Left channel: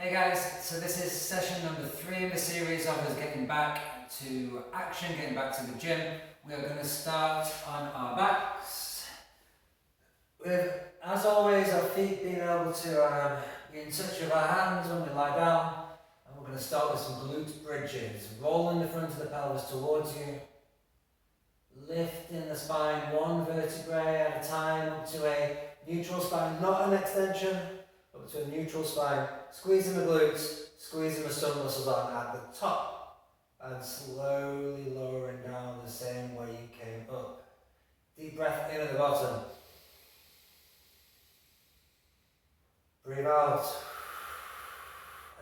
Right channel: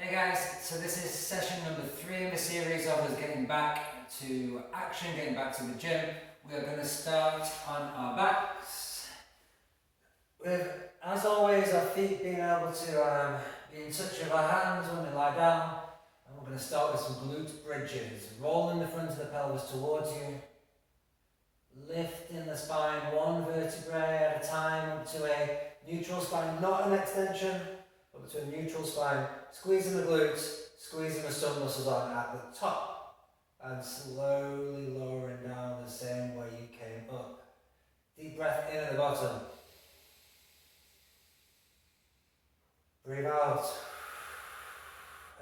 Hey guys, so this is session number 3 in the series of us getting back to action, getting back to the gym. We're going to start on our backs. With, as always, our feet being able to be in touch with our hands when we lie down. And we're going to start with some glute bridges. Rolling the front of the pelvis towards you. Lifting the spine one vertebrae at a time up to a neutral spine, not an extension, up to a neutral spine. Squeezing the glutes, squeezing the stomach muscles on at the top, and slowly lowering down the same way you came up. Deep breath in at the bottom. Breathe out.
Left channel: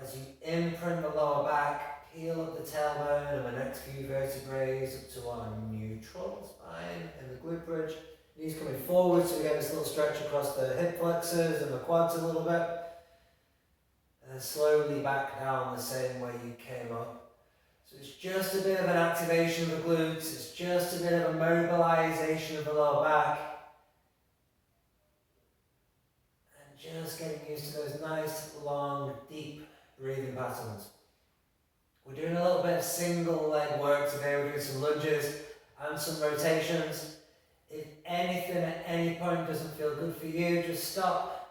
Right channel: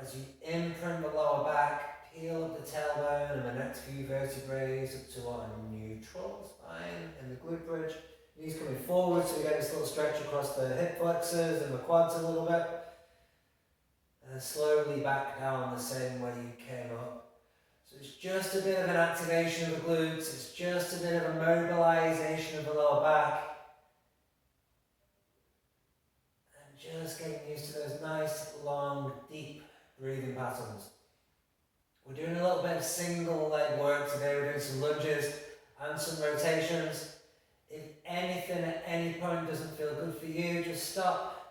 As you imprint the lower back, peel up the tailbone and the next few vertebrae up to our neutral spine in the glute bridge. Knees coming forward, so we get this little stretch across the hip flexors and the quads a little bit. And then slowly back down the same way you came up. So it's just a bit of an activation of the glutes, it's just a bit of a mobilization of the lower back. And just getting used to those nice, long, deep breathing patterns. We're doing a little bit of single leg work today. We're doing some lunges and some rotations. If anything at any point doesn't feel good for you, just stop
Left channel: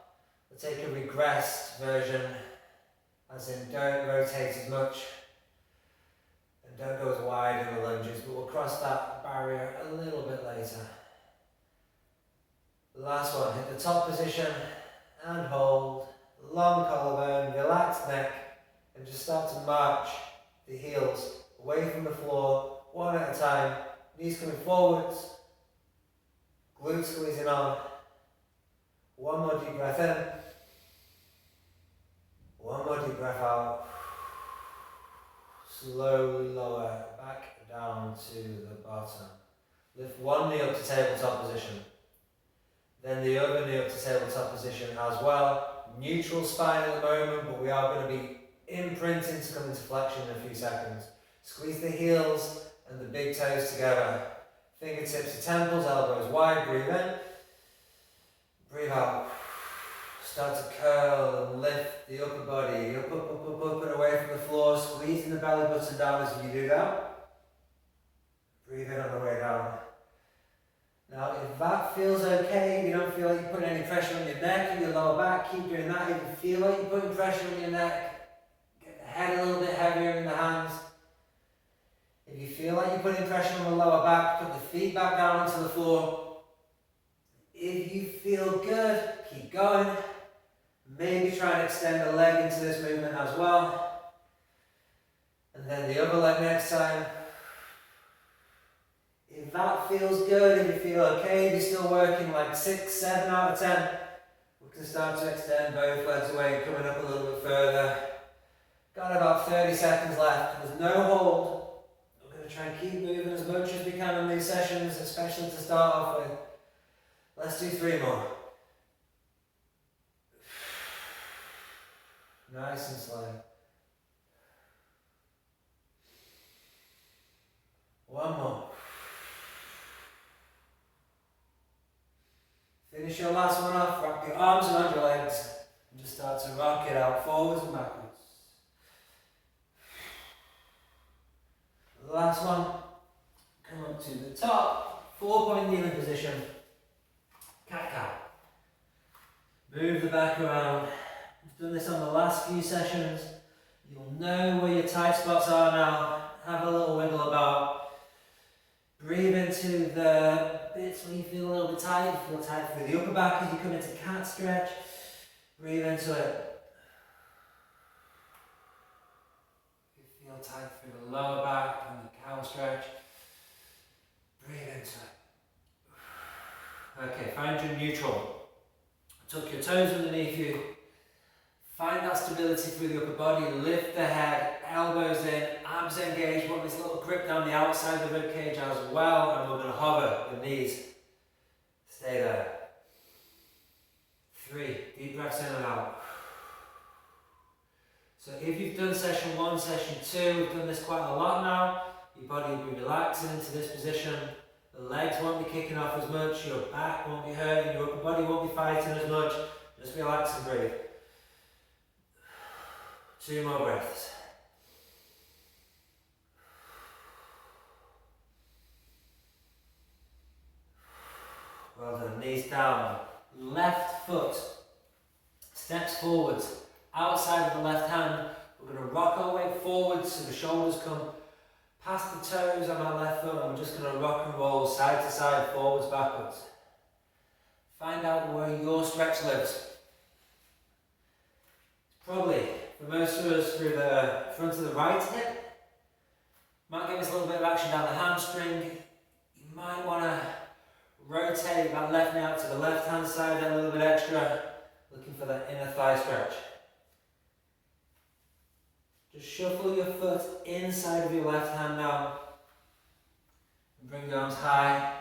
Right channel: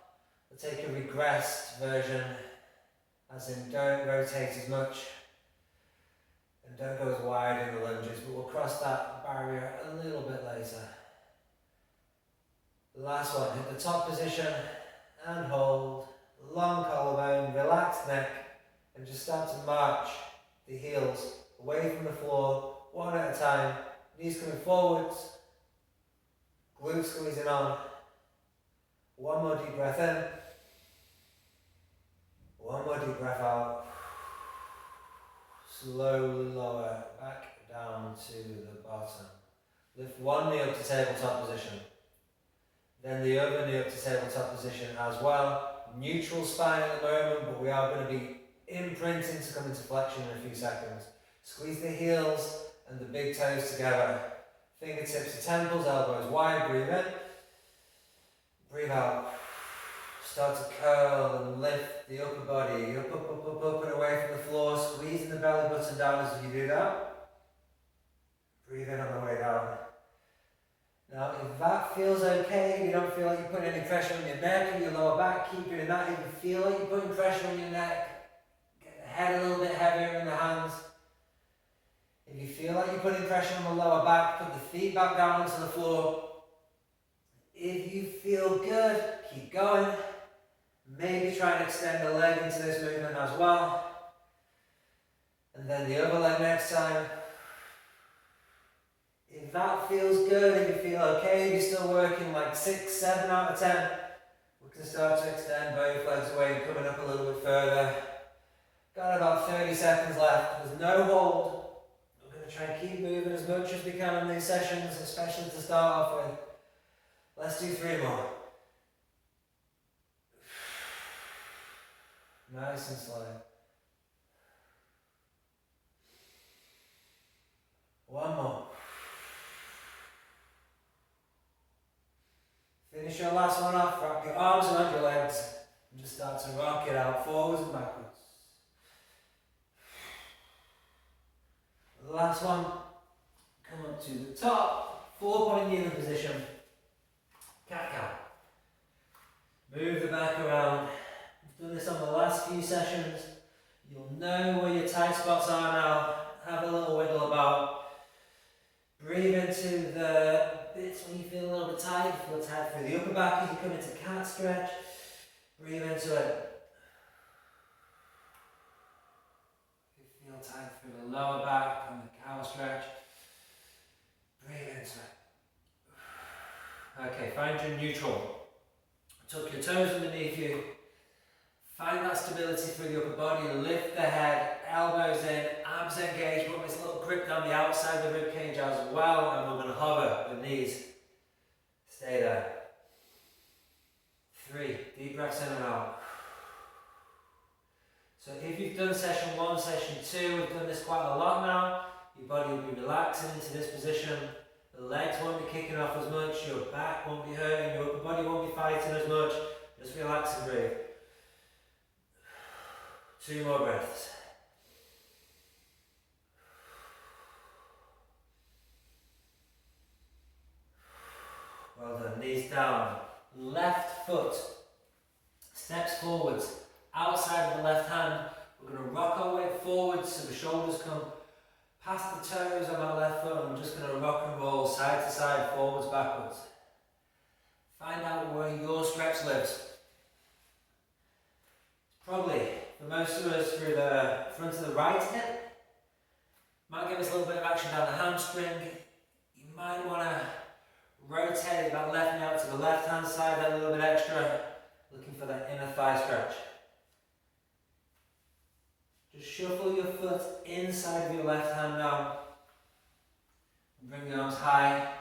or take a regressed version. As in, don't rotate as much and don't go as wide in the lunges, but we'll cross that barrier a little bit later. The last one, hit the top position and hold, long collarbone, relaxed neck, and just start to march the heels away from the floor, one at a time, knees coming forwards, glutes squeezing on. One more deep breath in. One more deep breath out. Slowly lower back down to the bottom. Lift one knee up to tabletop position. Then the other knee up to tabletop position as well. Neutral spine at the moment, but we are going to be imprinting to come into flexion in a few seconds. Squeeze the heels and the big toes together. Fingertips to temples, elbows wide, breathe in. Breathe out. Start to curl and lift the upper body, up and away from the floor, squeezing the belly button down as you do that. Breathe in on the way down. Now if that feels okay, you don't feel like you're putting any pressure on your neck or your lower back, keep doing that. If you feel like you're putting pressure on your neck, get the head a little bit heavier in the hands. If you feel like you're putting pressure on the lower back, put the feet back down into the floor. If you feel good, keep going. Maybe try and extend the leg into this movement as well. And then the other leg next time. If that feels good, if you feel okay, if you're still working like 6, 7 out of 10, we can start to extend both legs away, coming up a little bit further. Got about 30 seconds left. There's no hold. We're going to try and keep moving as much as we can in these sessions, especially to start off with. Let's do 3 more. Nice and slow. One more. Finish your last one off, wrap your arms around your legs and just start to rock it out forwards and backwards. The last one, come up to the top, 4-point kneeling position, cat-cow. Move the back around. We've done this on the last few sessions. You'll know where your tight spots are now. Have a little wiggle about. Breathe into the bits when you feel a little bit tight. Feel tight through the upper back as you come into cat stretch. Breathe into it. You feel tight through the lower back and the cow stretch. Breathe into it. Okay, find your neutral. Tuck your toes underneath you. Find that stability through the upper body, lift the head, elbows in, abs engaged, want this little grip down the outside of the rib cage as well, and we're going to hover the knees. Stay there. 3, deep breaths in and out. So if you've done session 1, session 2, we've done this quite a lot now, your body will be relaxing into this position, the legs won't be kicking off as much, your back won't be hurting, your upper body won't be fighting as much, just relax and breathe. 2 more breaths. Well done. Knees down. Left foot steps forwards. Outside of the left hand. We're going to rock our way forwards so the shoulders come past the toes on our left foot, and we're just going to rock and roll side to side, forwards, backwards. Find out where your stretch lives. Probably, for most of us, through the front of the right hip. Might give us a little bit of action down the hamstring. You might want to rotate that left knee out to the left hand side a little bit extra, looking for that inner thigh stretch. Just shuffle your foot inside of your left hand now and bring the arms high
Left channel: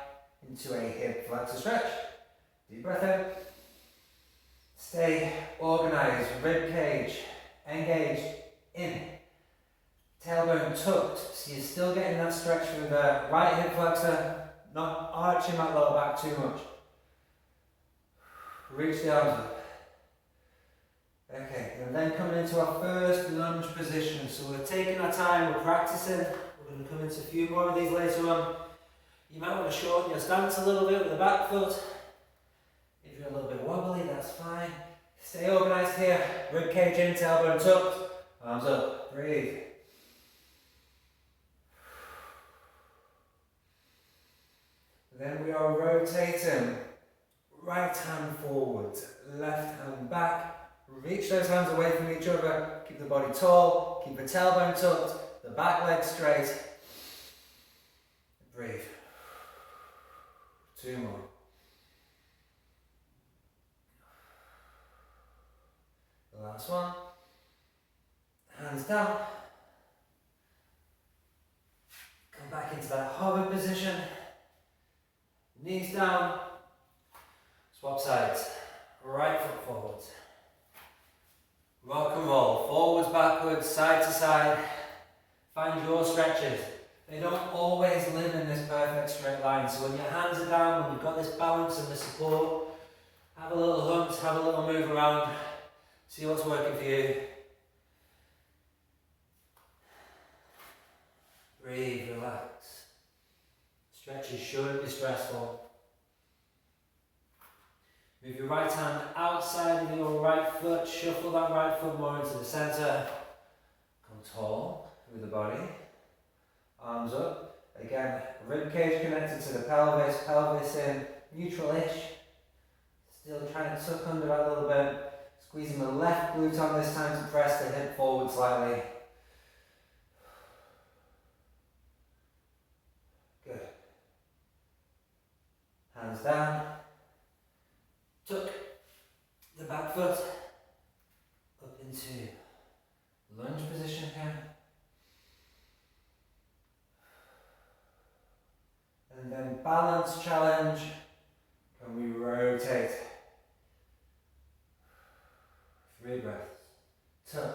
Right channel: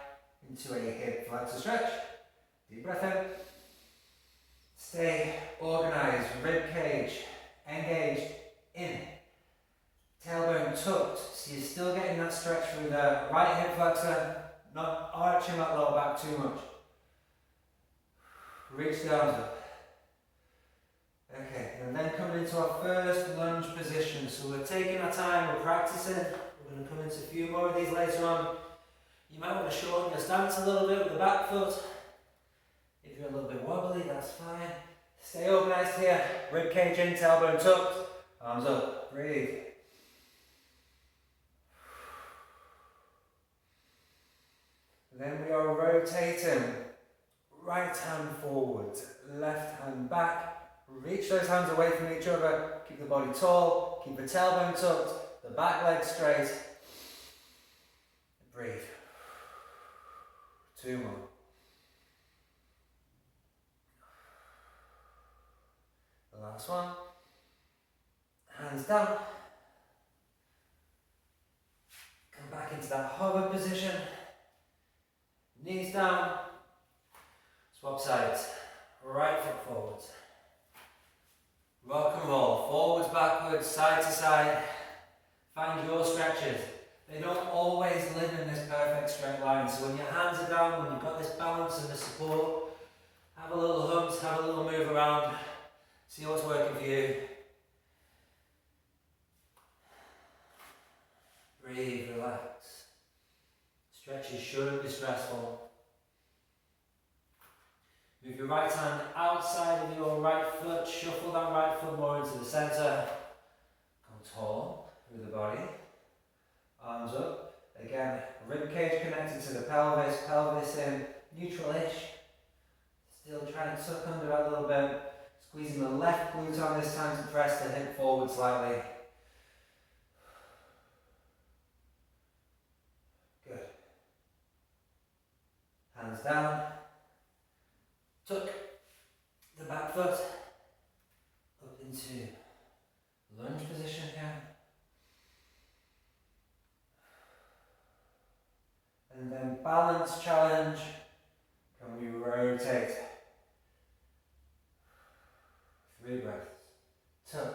into a hip flexor stretch. Deep breath in. Stay organised, rib cage engaged in. Tailbone tucked, so you're still getting that stretch through the right hip flexor, not arching that lower back too much. Reach the arms up. Okay, and then coming into our first lunge position. So we're taking our time, we're practicing. We're going to come into a few more of these later on. You might want to shorten your stance a little bit with the back foot. If you're a little bit wobbly, that's fine. Stay organised here. Rib cage in, tailbone tucked. Arms up. Breathe. And then we are rotating. Right hand forward, left hand back. Reach those hands away from each other. Keep the body tall. Keep the tailbone tucked. The back leg straight. Breathe. 2 more. The last one. Hands down. Come back into that hover position. Knees down. Swap sides. Right foot forwards. Rock and roll. Forwards, backwards, side to side. Find your stretches. They don't always live in this perfect straight line. So when your hands are down, when you've got this balance and the support, have a little hunt, have a little move around. See what's working for you. Breathe, relax. Stretches shouldn't be stressful. Move your right hand outside of your right foot. Shuffle that right foot more into the centre. Come tall through the body. Arms up. Again, rib cage connected to the pelvis. Pelvis in neutral-ish. Still trying to tuck under that a little bit. Squeezing the left glute on this time to press the hip forward slightly. Good. Hands down. Tuck the back foot up into lunge position here. And then balance challenge. Can we rotate? 3 breaths. Tuck.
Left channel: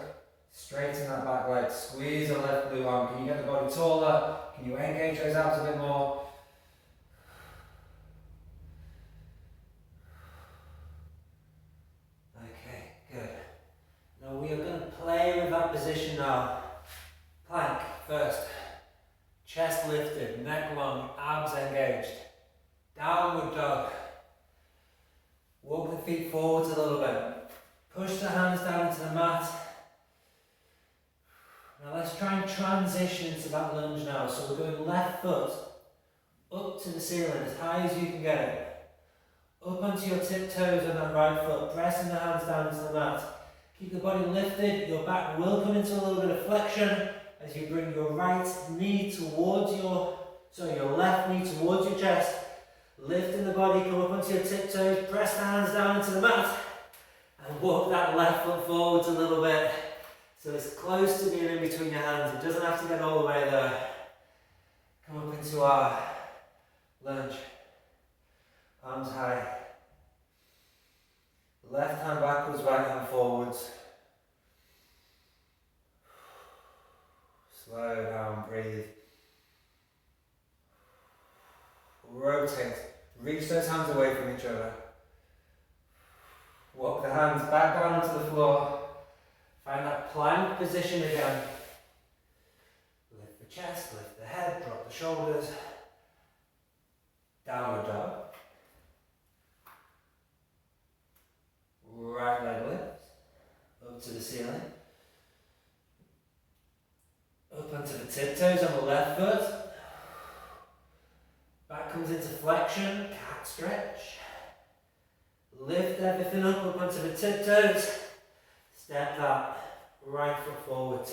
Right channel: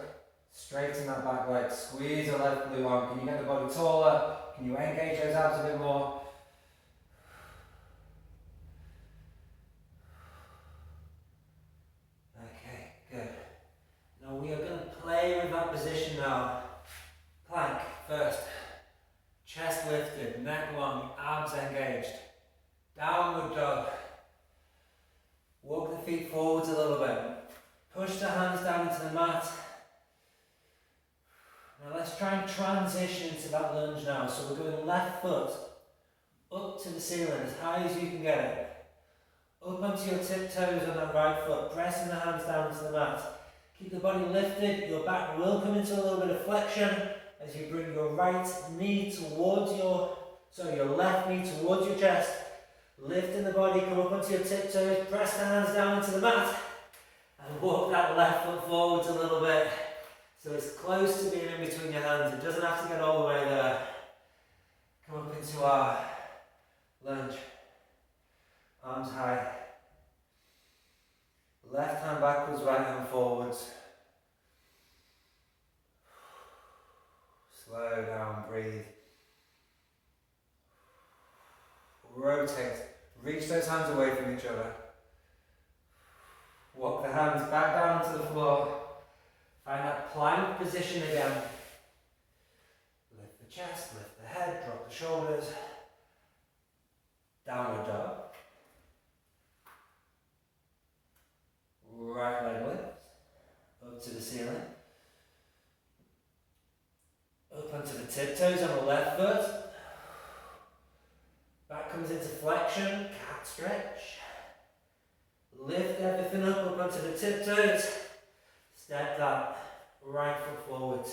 Straighten that back leg. Squeeze the left glute on. Can you get the body taller? Can you engage those abs a bit more? Okay, good. Now we are going to play with that position now. Plank first. Chest lifted, neck long, abs engaged. Downward dog. Walk the feet forwards a little bit. Push the hands down into the mat. Now let's try and transition into that lunge now. So we're going left foot up to the ceiling as high as you can get it. Up onto your tiptoes on that right foot, pressing the hands down into the mat. Keep the body lifted. Your back will come into a little bit of flexion as you bring your right knee towards your left knee towards your chest. Lifting the body, come up onto your tiptoes, press the hands down into the mat, and walk that left foot forwards a little bit. So it's close to being in between your hands. It doesn't have to get all the way there. Come up into our lunge. Arms high. Left hand backwards, right hand forwards. Slow down, breathe. Rotate. Reach those hands away from each other. Walk the hands back down to the floor. Find that plank position again. Lift the chest, lift the head, drop the shoulders. Downward dog. Right leg lifts up to the ceiling. Up onto the tiptoes on the left foot. Back comes into flexion, cat stretch. Lift everything up onto the tiptoes. Step that right foot forward.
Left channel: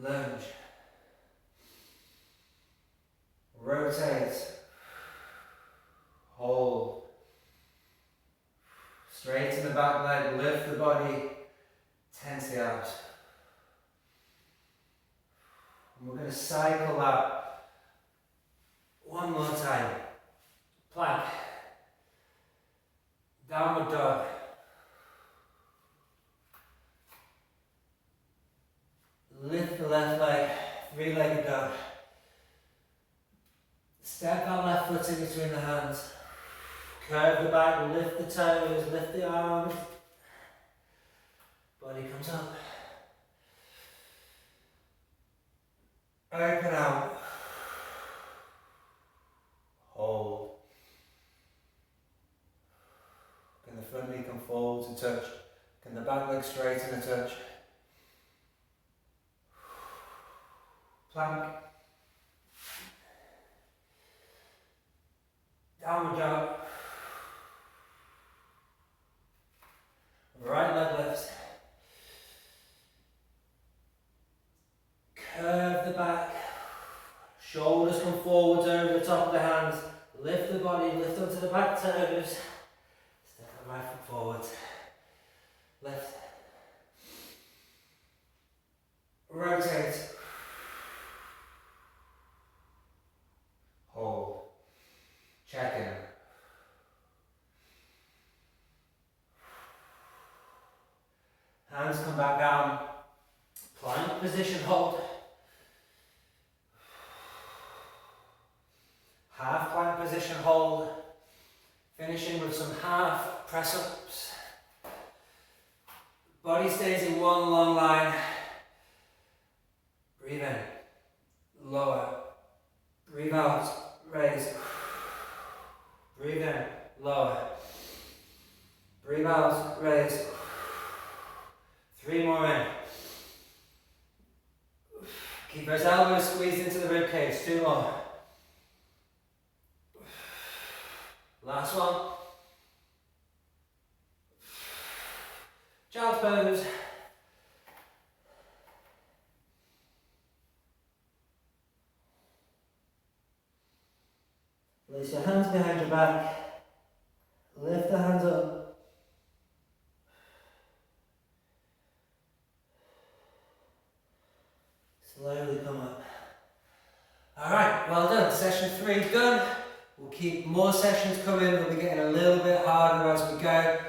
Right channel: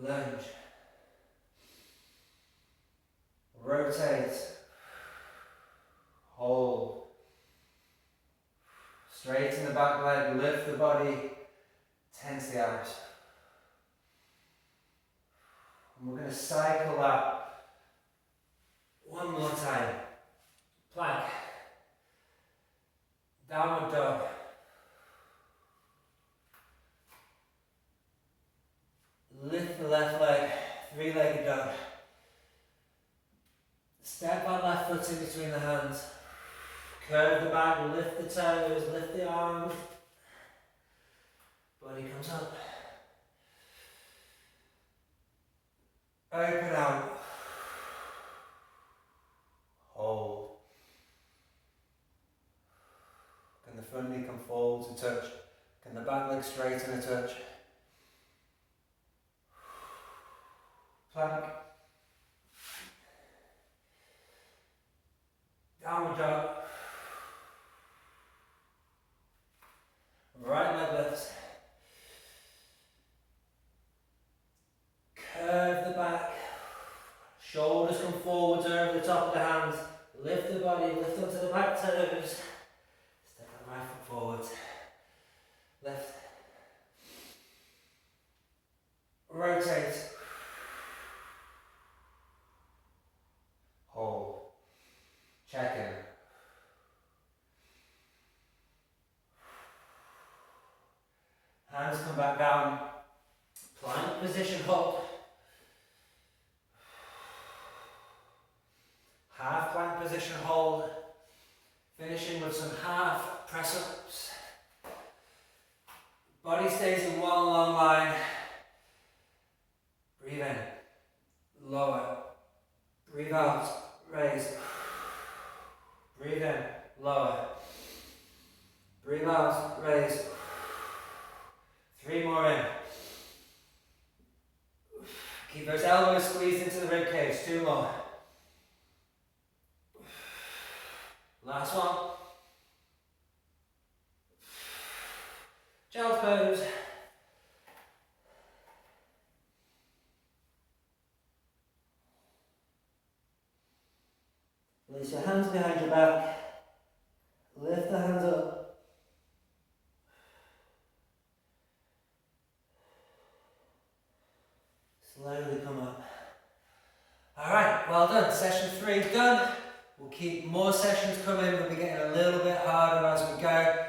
Lunge. Rotate. Hold. Straighten the back leg, lift the body, tense the abs. And we're going to cycle that one more time. Plank. Downward dog. Lift the left leg, three-legged dog. Step that left foot in between the hands. Curve the back, lift the toes, lift the arms. Body comes up. Open out. Hold. Can the front knee come forward to touch? Can the back leg straighten a touch? Plank. Downward dog. Right leg lifts. Curve the back. Shoulders come forwards over the top of the hands. Lift the body, lift onto the back toes. Step that right foot forward. Lift. Rotate. Hold. Check in. Hands come back down. Plank position, hold. Half plank position, hold. Finishing with some half press ups. Body stays in one long line. Breathe in. Lower. Breathe out. Raise. Breathe in. Lower. Breathe out. Raise. 3 more in. Keep those elbows squeezed into the rib cage. 2 more. Last one. Child's pose. Place your hands behind your back. Lift the hands up. Slowly come up. Alright, well done. Session 3 done. We'll keep more sessions coming. They'll be getting a little bit harder as we go.